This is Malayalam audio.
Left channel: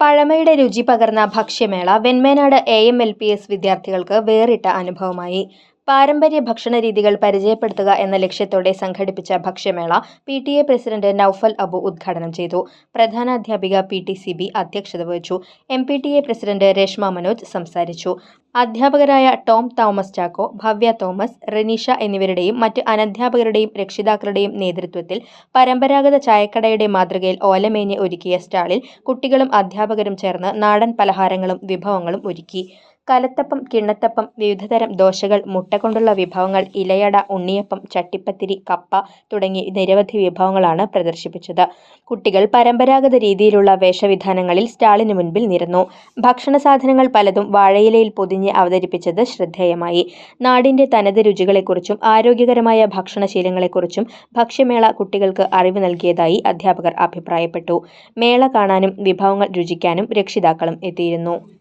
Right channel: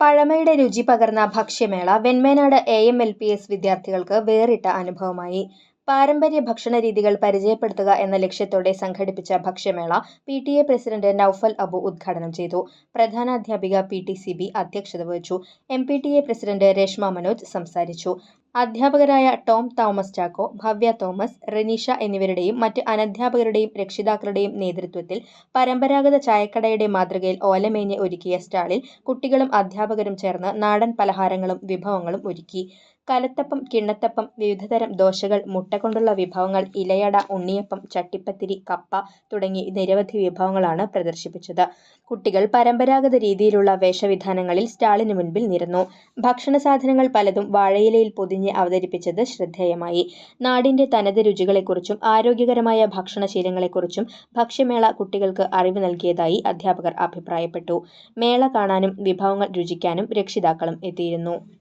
പഴമയുടെ രുചി പകർന്ന ഭക്ഷ്യമേള Venmenad A M L P S വിദ്യാർത്ഥികൾക്ക് വേറിട്ട അനുഭവമായി. പാരമ്പര്യ ഭക്ഷണ രീതികൾ പരിചയപ്പെടുത്തുക എന്ന ലക്ഷ്യത്തോടെ സംഘടിപ്പിച്ച ഭക്ഷ്യമേള P T A president Noufal Abu ഉദ്ഘാടനം ചെയ്തു. പ്രധാനാധ്യാപിക പി ടി സി ബി അധ്യക്ഷത വഹിച്ചു. M P T A president Reshma Manoj സംസാരിച്ചു. അധ്യാപകരായ Tom Thomas Chacko Bhavya Thomas Reneesha എന്നിവരുടെയും മറ്റ് അനധ്യാപകരുടെയും രക്ഷിതാക്കളുടെയും നേതൃത്വത്തിൽ പരമ്പരാഗത ചായക്കടയുടെ മാതൃകയിൽ ഓലമേഞ്ഞ് ഒരുക്കിയ സ്റ്റാളിൽ കുട്ടികളും അധ്യാപകരും ചേർന്ന് നാടൻ പലഹാരങ്ങളും വിഭവങ്ങളും ഒരുക്കി. കലത്തപ്പം കിണ്ണത്തപ്പം വിവിധതരം ദോശകൾ മുട്ട കൊണ്ടുള്ള വിഭവങ്ങൾ ഇലയട ഉണ്ണിയപ്പം ചട്ടിപ്പത്തിരി കപ്പ തുടങ്ങി നിരവധി വിഭവങ്ങളാണ് പ്രദർശിപ്പിച്ചത്. കുട്ടികൾ പരമ്പരാഗത രീതിയിലുള്ള വേഷവിധാനങ്ങളിൽ സ്റ്റാളിന് മുൻപിൽ നിരന്നു. ഭക്ഷണ സാധനങ്ങൾ പലതും വാഴയിലയിൽ പൊതിഞ്ഞ് അവതരിപ്പിച്ചത് ശ്രദ്ധേയമായി. നാടിന്റെ തനത് രുചികളെക്കുറിച്ചും ആരോഗ്യകരമായ ഭക്ഷണശീലങ്ങളെക്കുറിച്ചും ഭക്ഷ്യമേള കുട്ടികൾക്ക് അറിവ് നൽകിയതായി അധ്യാപകർ അഭിപ്രായപ്പെട്ടു. മേള കാണാനും വിഭവങ്ങൾ രുചിക്കാനും രക്ഷിതാക്കളും എത്തിയിരുന്നു.